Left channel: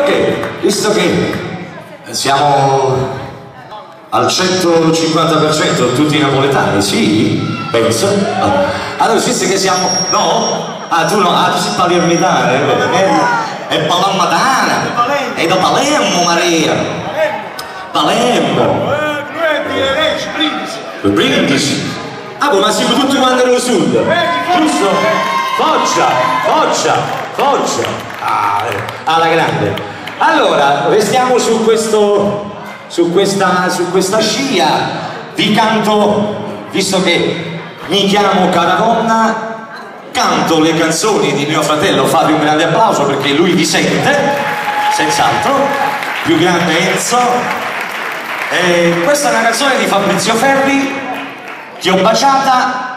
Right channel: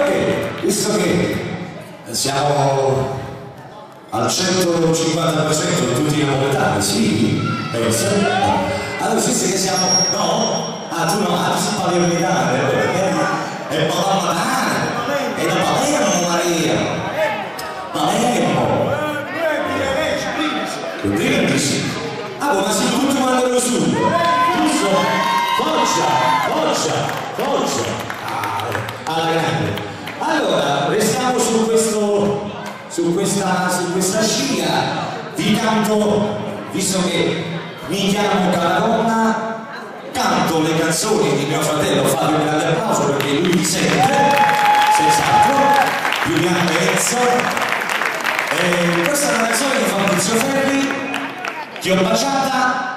Ok, visto che siamo al 150% tutti napoletani, sì? Penso. Allora, visto che siamo... No? Ah, tu no? Ah, tu sei palermitano, è palermitana, è da Palermo, Maria. Palermo. Brindisi. Ah, ma siamo tutti quanti nello sud, giusto? Foggia. Ah, alla grande. Allora, restiamo su questa scia. Vi canto, visto che mi chiamo Caravonna, canto le canzoni di mio fratello Fabio. Un grande applauso perché lui vi sente, senz'altro, più grande Enzo. Questa è una canzone di Fabrizio Ferri, Ti ho baciata.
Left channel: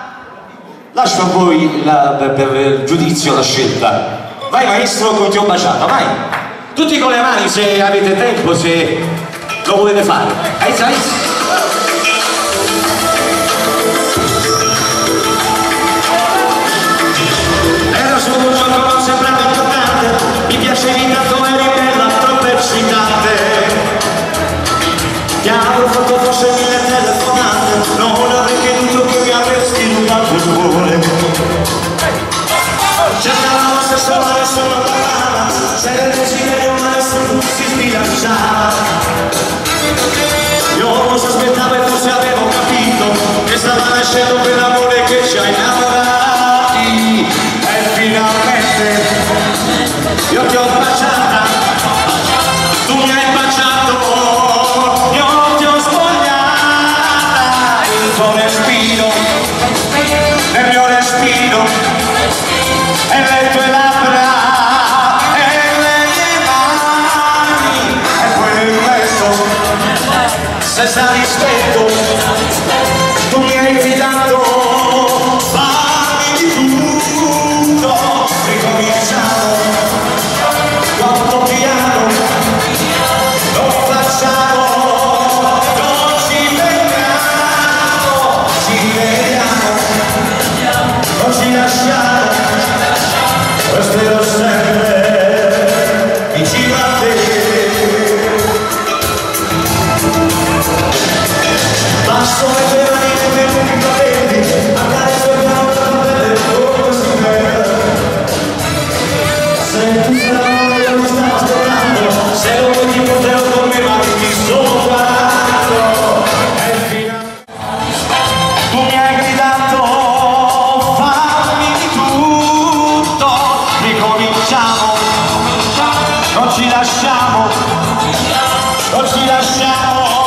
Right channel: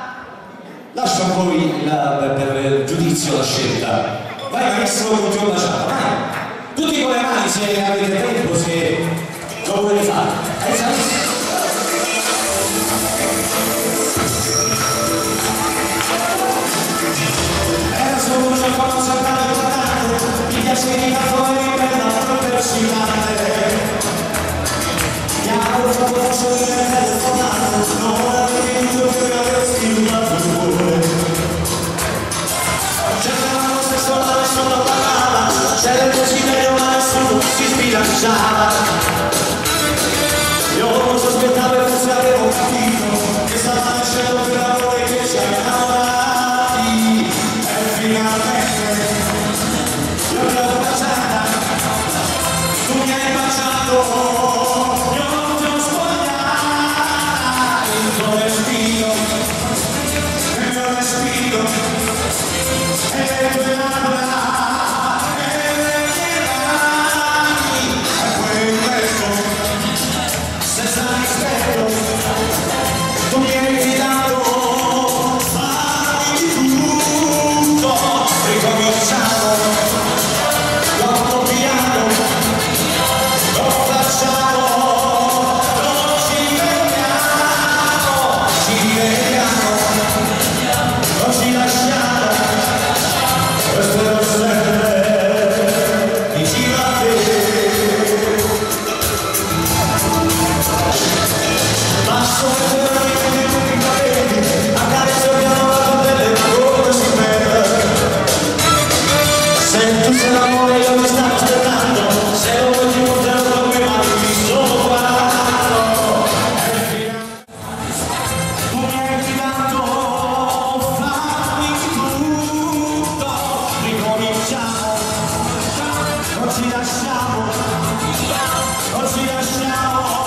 Lascio a voi per il giudizio la scelta. Vai maestro con Ti ho baciata, vai! Tutti con le mani se avete tempo, se lo volete fare. Era solo un gioco, non sembrava importante. Mi piacevi tanto, eri bella, troppo eccitante. Ti avevo fatto forse 1000 telefonate, non avrei creduto che mi avresti rubato il cuore. Cercavamo se sola nessuno parlava, c'era il desiderio ma nessuno si sbilanciava. Io non sospettavo e forse avevo capito che stava nascendo quell'amore che ci ha innamorati. E finalmente io ti ho baciata, tu mi hai baciato, io ti ho spogliata. Il tuo respiro, nel mio respiro, e le tue labbra, e le mie mani. E poi questo, se stavi stretto, tu mi hai fidato. Fammi di tutto, ricominciamo, molto piano, lo facciamo, non ci vediamo, non ci lasciamo, resterò sempre vicino a te. Passo le tue mani nei lunghi capelli, accarezzo piano la tua pelle come si perde. Se tu sei l'amore io mi stavo aspettando, se non vuoi ti porterò con me ma ti sto guardando. E finalmente tu mi hai gridato, fammi tutto, ricominciamo, non ci lasciamo, non ci lasciamo.